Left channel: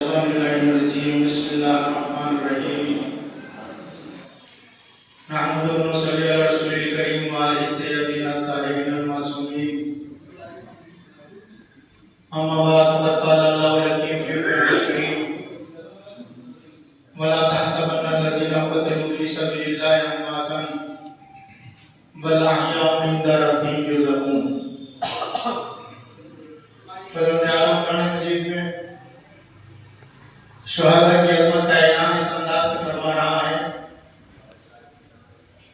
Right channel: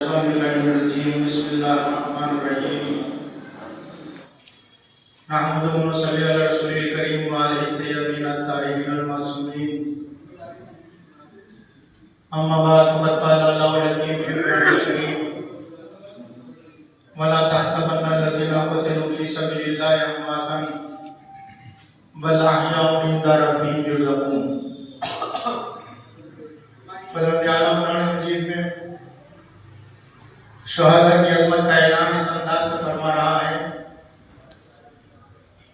بسم اللہ الرحمن الرحیم نحمده ونصلي على رسوله الكريم وعلى الطيبين الطاهرين المعصومين اما بعد فقد قال الله الحكيم في القرآن الكريم ولا تحسبن الذين قتلوا في سبيل الله امواتا بل احياء عند ربهم يرزقون. پروردگار قرآن مجید میں شہادت کی عظمت کا اعلان اس انداز سے فرما رہا ہے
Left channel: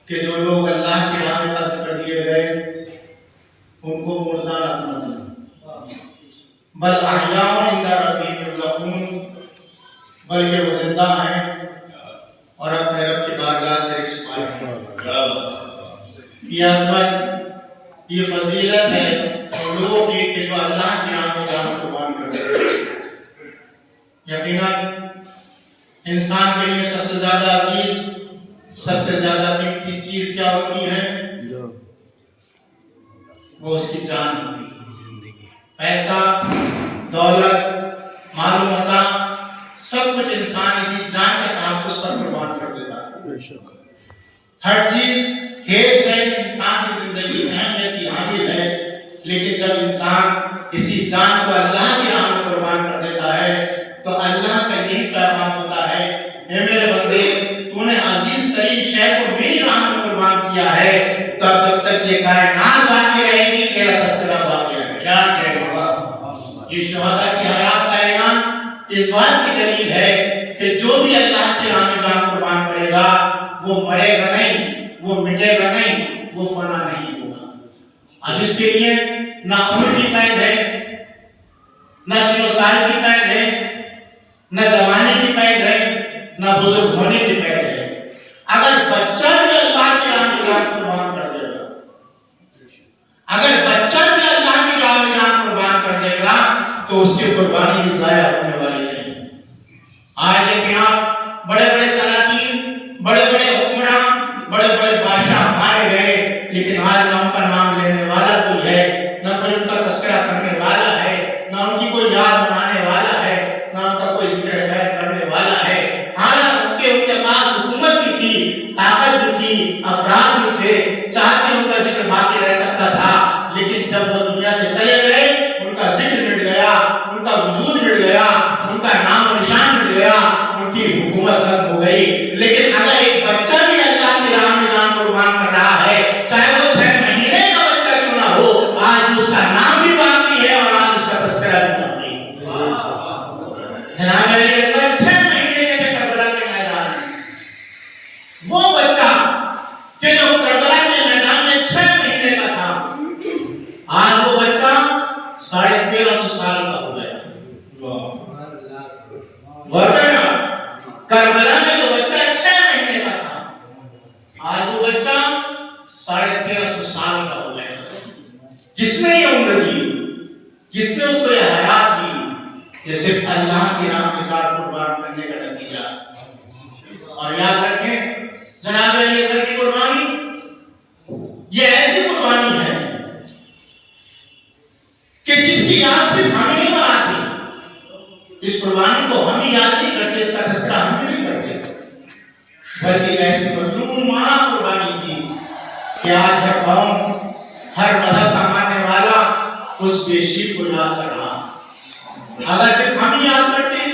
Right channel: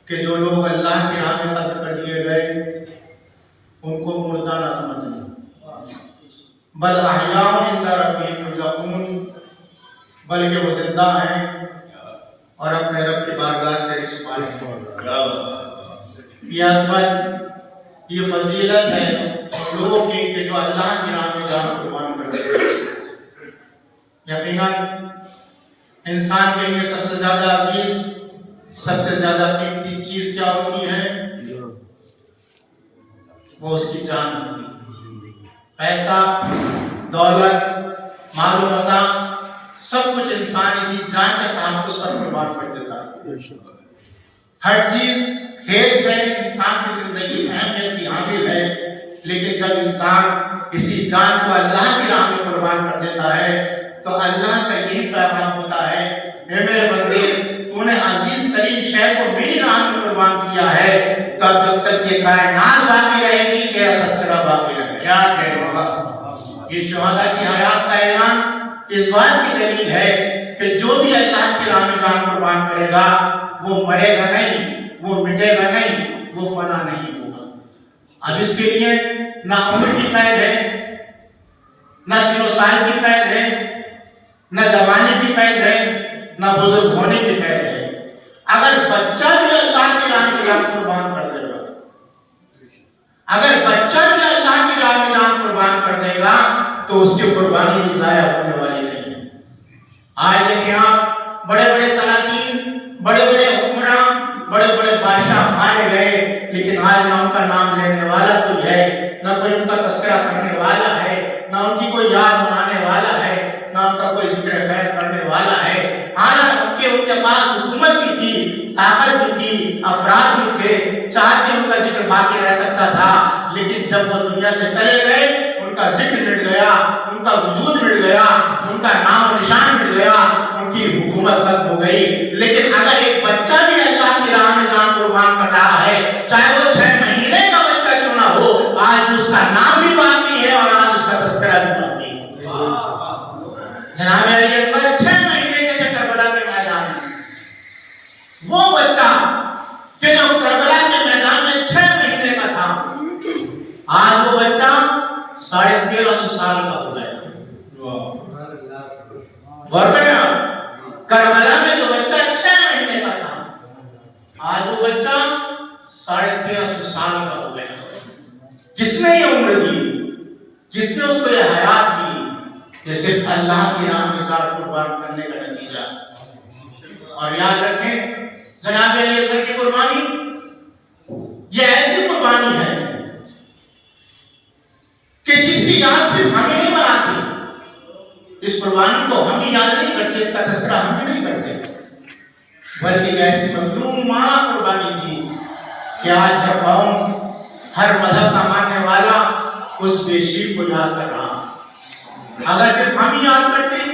کہ جو لوگ اللہ کی راہ میں قتل کر دیے گئے ان کو مردہ نہ سمجھنا، بل احیاء عند ربهم یرزقون، بلکہ وہ زندہ ہیں اور اپنے رب کی بارگاہ سے رزق پائیں گے. یہ عظمت، یہ فضیلت ہے ان لوگوں کی کہ جو اللہ کی راہ میں جان قربان کرتے ہیں. یقیناً انسان کے لیے سب سے زیادہ عزیز، سب سے زیادہ قیمتی چیز کیا ہوتی ہے؟ وہ اس کی جان ہوتی ہے. پیسہ، دولت، مال و متاع، سب کچھ انسان اسی جان کے تحفظ پر قربان کر دیتا ہے. ہر چیز ہیج ہے انسان کی زندگی میں اہمیت کی حامل ہے، لیکن جب انسان اسی جان کو اللہ کی راہ میں قربان کر دیتا ہے تو اللہ کا یہی پیغام ہوتا ہے، اے میرے بندے، تو نے عزیز ترین شے کو میری راہ میں قربان کیا ہے تو جب تک یہ کائنات باقی رہے گی تیرا تذکرہ باقی رہے گا. کیا کہہ رہا؟ یہ شہداء کی حیات کا اعلان اس بات کی دلیل ہے کہ جو بھی اللہ کی راہ میں جان قربان کرے گا وہ مرے گا نہیں، وہ مٹے گا نہیں، وہ فنا نہیں ہوگا. اب اس کے لیے نہ عمر کی قید ہے، نہ سن و سال کی قید ہے، نہ زمانے کی قید ہے، نہ بزرگ ہونے کی قید ہے. اگر بچہ بھی اللہ کی راہ میں جان قربان کر دے گا، اگر بچہ بھی اللہ کی راہ میں جان قربان کر دے گا تو اس کی قربانی بھی ضائع ہونے والی نہیں. آج دیکھیں آپ، بڑے بڑے سلاطین، بڑے بڑے حکمراں، بڑے بڑے بادشاہ مارے گئے، لیکن آج نہ ان کا نام لینے والا کوئی ہے، نہ کوئی ان کا تذکرہ کرنے والا ہے، نہ ان کی کوئی یاد منانے والا ہے، نہ ان کا کوئی ذکر خیر کرنے والا ہے. حالانکہ ان کے پاس حکومت بھی تھی، طاقت بھی تھی، افراد بھی تھے، چاہتے ان کا ذکر باقی رہ سکتا تھا، لیکن جب وہ دنیا سے چلے گئے ان کا ذکر مٹ گیا، ان کا وجود مٹ گیا، ان کا نام و نشان مٹ گیا، ان کی حکومت ختم ہو گئی. لیکن اگر ایک بچہ بھی اللہ کی راہ میں جان قربان کر رہا ہے، چاہے وہ 6 مہینے کا بچہ کیوں نہ ہو، آج اس کا نام بھی باقی ہے اور آج اس کا تذکرہ بھی باقی ہے. جناب علی اکبر 6 مہینے کے تھے کربلا کے میدان میں. وہ بچہ کہ جو کربلا کے میدان میں 6 مہینے کا تھا، آج وہ بچہ 1350 سال کا ہو گیا. ورنہ کربلا میں جو بچہ 6 مہینے کا تھا، آج وہ بچہ 1350 سال کا ہو گیا. کس نے یہ عمر دی؟ کس نے اس کو یہ حیات دی؟ یہ صرف اللہ کی راہ میں جان قربان کرنے کا نتیجہ. اور یاد رکھیں جناب علی اکبر کی قربانی یہ ایسی قربانی ہے کہ جس کی یاد صرف ہمیں نہیں بناتی. اس قربانی کو ہم ہی یاد نہیں کرتے، اس کا تذکرہ ہم ہی نہیں کرتے، بلکہ ایسی مظلومانہ قربانی تھی کہ آج ہر قوم، ہر مذہب کا ماننے والا اس بے شیر کو یاد کر رہا. اگر صرف ہم ہی یاد کرتے،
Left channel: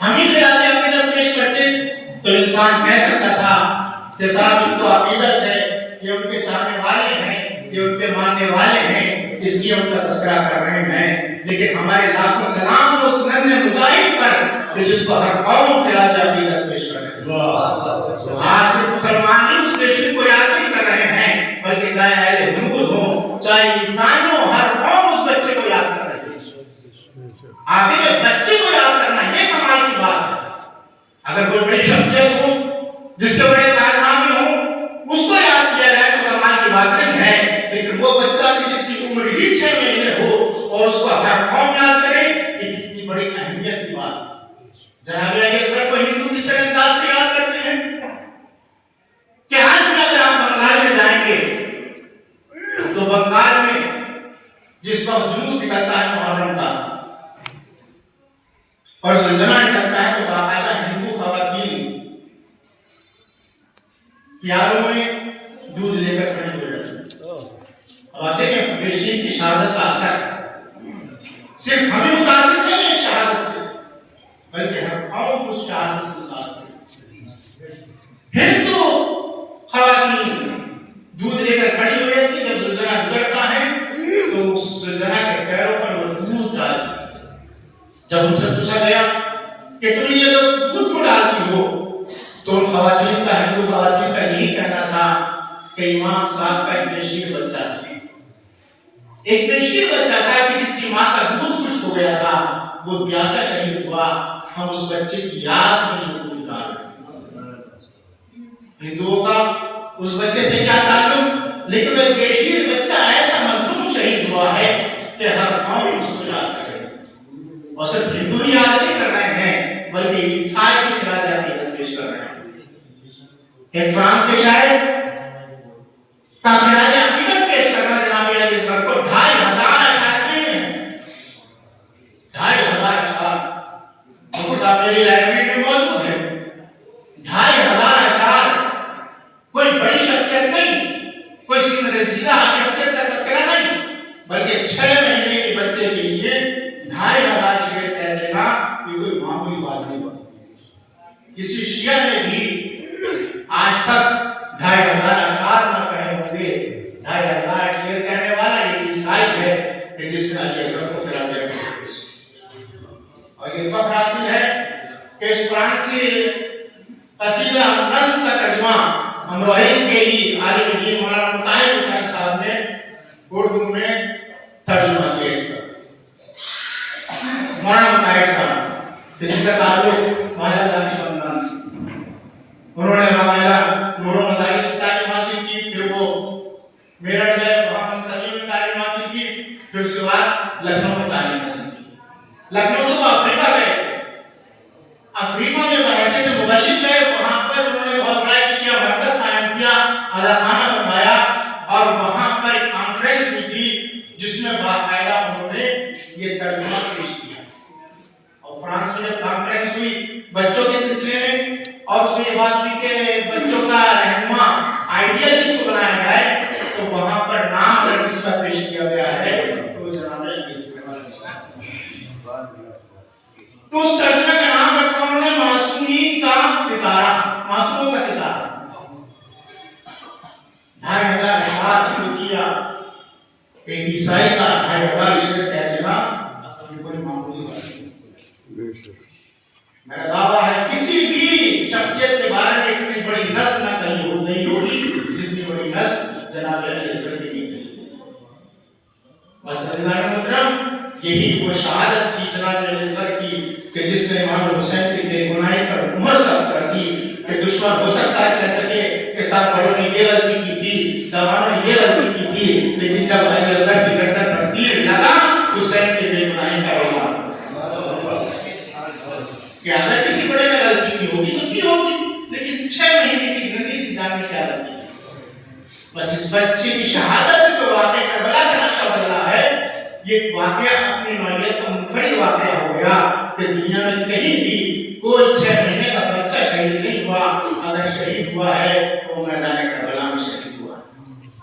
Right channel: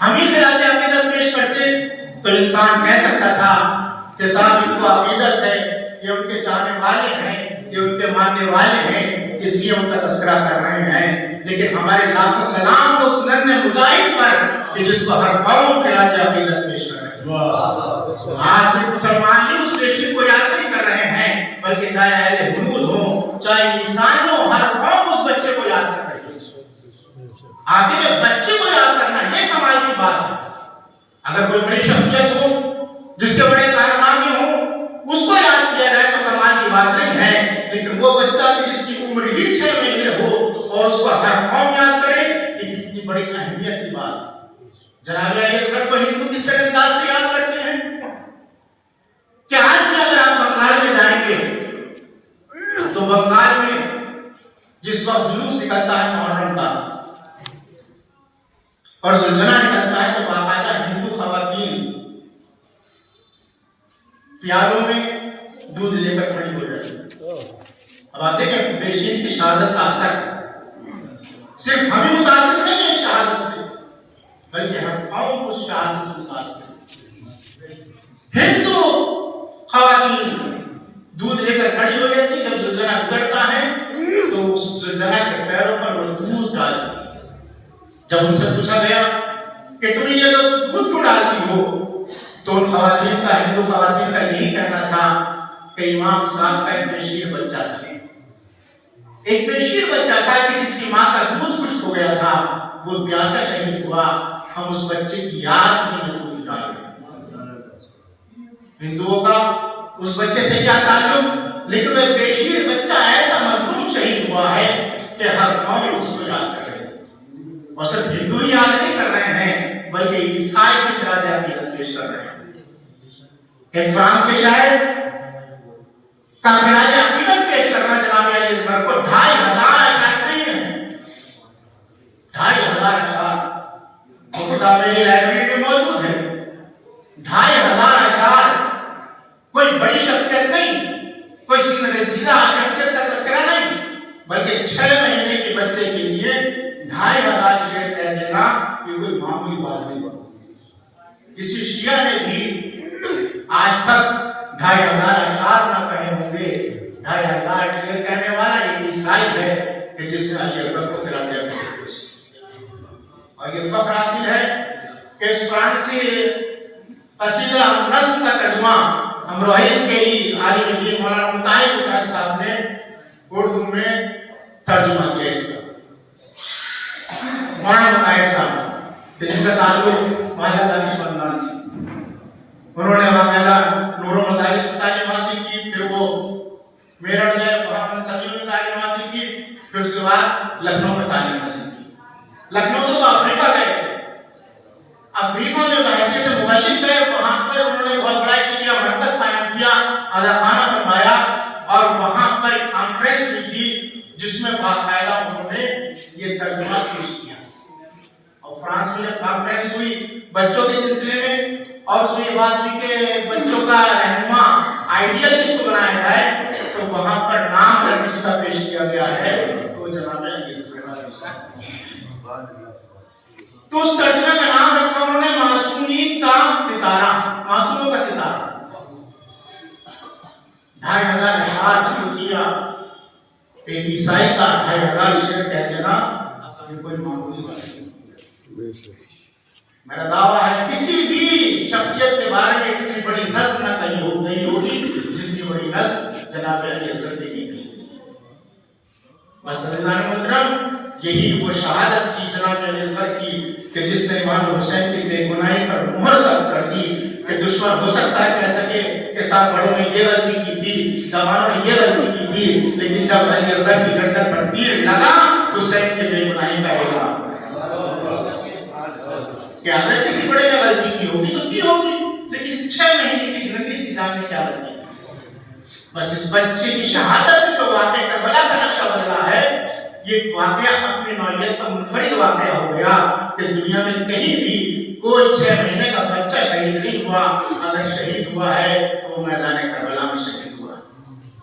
ہم ہی خراج عقیدت پیش کرتے تو انسان کہہ سکتا تھا کہ صاحب ان کو عقیدت ہے، یہ ان کے چاہنے والے ہیں، یہ ان کے ماننے والے ہیں، اس لیے ان کا تذکرہ کر رہے ہیں. لیکن ہمارے لاکھوں سلام اس ننھے مجاہد پر کہ جس کو ہر قوم خراج عقیدت پیش کر رہے ہیں. آج صرف مسلمان ہی اس بے شیر کو یاد نہیں کر رہے ہیں، بلکہ چاہے اہل حنود ہوں، چاہے عیسائی ہوں، ہر قوم اس بچے کو یاد کر رہی ہے. آگے جب بچے کو یاد کرنا یہ کمال کی بات ہے. اگر کوئی بڑی شخصیت ہو جس کے بڑے کارنامے ہوں اس کو یاد کیا جائے تو کمال کی بات نہیں ہے، لیکن وہ بچہ جس کی عمر ہی 6 مہینے ہو اور اس کو ہر قوم یاد کرے، یہ کتنی بڑی اہمیت کی بات ہے. جناب علی اکبر کو ہندو کس طرح انداز سے یاد کرتے ہیں کہ آج بھی اگر آپ بنگال میں جائیں گے تو بنگال میں جس وقت جلوس نکلتا ہے محرم کا، اور زلزلہ نکلتا ہے تو باقاعدہ ہندو خواتین پیالوں میں دودھ لے کر کھڑی ہو جاتی. اب آپ دیکھیں بشیر کی شہادت کا اثر صرف ہمیں متاثر نہیں ہے شہادت سے، بلکہ ہر قوم کو شہادت سے متاثر. ہندو خواتین دودھ لے کر کھڑی ہو جاتی، جب زلزلہ گزرتا ہے تو اس زلزلہ کے پیروں پر وہ دودھ ڈالتی. جب ان سے پوچھا گیا کہ تم یہ لوگ دودھ کیوں ڈالتی ہو، تو ان خواتین کا، ہندو خواتین کا یہی کہنا تھا کہ امام صاحب کا ایک بشیر بچہ تھا، ایک بشیر بچہ تھا کہ جس کی ماں کا دودھ خشک ہو گیا تھا، وہ پیاسا شہید ہوا، ہم اس بچے کی یاد میں یہ دودھ ڈالیں. ہندوؤں کا اس بچے سے کیا تعلق، لیکن وہ بشیر بچہ ایسا مظلوم شہید ہوا ہے کہ ہر قوم اس کو یاد کرے. اور صرف ہندو ہی یاد نہیں کر رہے ہیں بلکہ عیسائی بھی خراج عقیدت پیش کر رہے ہیں. ایک فرانس کے شاعر کا خراج عقیدت پیش کرنا جناب الیزبر کو 2500 اشعار نہیں ہیں، 2500 اشعار وہ کتاب میری لائبریری میں موجود ہے. 2500 اشعار، کوئی بڑی شخصیت نہیں، کوئی رسیدہ شخصیت کا تذکرہ نہیں، بلکہ 6 مہینے کے بچے کے لیے 2500 شعر کہہ دینا یہ کوئی معمولی بات نہیں. کسی شیعہ نے بھی آج تک 2500 اشعار نہ کہے ہوں گے. 2500 شعر کہنے والا ایک عیسائی ہے کہ جس نے الیزبر کو خراج عقیدت پیش کیا. اور یہ فخر حاصل ہے کہ اس فرانسی قصیدہ نظم کا ترجمہ امروہین کے ہی عالم دین مولانا مطاہر حسین صاحب نے اردو میں ترجمہ کیا. اس کا مولانا مطاہر صاحب جس کا تعلق محلہ دانش مندان سے، انہوں نے باقاعدہ نور و مدارس سے تعلیم حاصل کی، پھر وہ میرٹھ گئے، وہاں پر سبھی میں تعلیم حاصل کی، پھر اس کے بعد لکھنؤ میں تعلیم حاصل کی. لکھنؤ سے وہ افریقہ گئے تھے. افریقہ میں ایسے تو مبلغ گئے، وہاں پر انہوں نے بہت بڑا ایک شیعہ مرکز قائم کیا، اداخانہ بنوایا، اور وہاں پر ایک کانفرنس ہوئی تھی جس میں باقاعدہ انہوں نے یہ ترجمہ پیش کیا. اور فرانس میں جب کانفرنس ہوئی بچوں کے سلسلے میں، اور اس میں یہ بات کی کہ بچوں کا رہنما آئیڈیل کس کو بنایا جائے، تو وہاں پر نام جس کا پیش کیا گیا ہے تو جناب الیزبر کا پیش کیا. تو اس ترجمہ کا نام رکھا انہوں نے معصومیت کا ستارہ، معصوموں کا ستارہ. 2500 اشعار شروع کیا. ایک عیسائی کا 2500 شعر کہہ دینا اصل کوئی معمولی بات نہیں. میرا دعویٰ ہے کسی بھی شخصیت کے بارے میں اتنی بڑی نظم نہ کہی ہوگی جتنی بڑی نظم جناب الیزبر کی نہیں کہی. بس عزیزان محترم، یہی وہ شہادت تھی جناب الیزبر کی کہ جس نے امام حسین کی بے گناہی پر عمر ثبت کر دی کہ دشمن ہو سکتا ہے کہہ سکے کہ ساتھ بڑوں نے یہ غلطی کی تھی، جوانوں نے یہ غلطی کی تھی، لیکن جب الیزبر کی گردن پر تیر لگا حسین کی بے گناہی کا ہوگا. کہ اگر کسی بڑے نے غلطی کی ہوگی تو کی ہوگی، لیکن 6 مہینے کی گندی سی جان میں کیا غلطی. بس اس بچے کی شہادت سے جو واقعہ کربلا کا نقشہ بدلا ہے، یہ واقعہ اپنی نوعیت کا منفرد واقعہ ہو گیا کہ دنیا میں کہیں بھی کوئی 6 مہینے کا بچہ شہید نہیں ہوا. اگر شہید ہوا ہے تو وہ میدان کربلا میں شہید ہوا.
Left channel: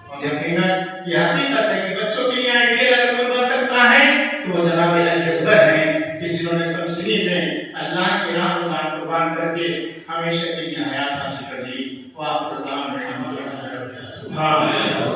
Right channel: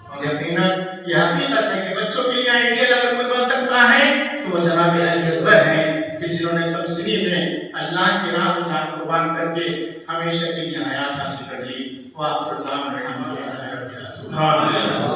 اور یقیناً یہ حقیقت ہے کہ بچوں کے لیے آئیڈیل اگر کوئی بن سکتا ہے تو وہ جناب الیزبر ہیں کہ جنہوں نے تمثیلی میں اللہ کی راہ میں جان قربان کر کے ہمیشہ کے لیے حیات حاصل کر لی. وہ آپ کو سبحان اللہ.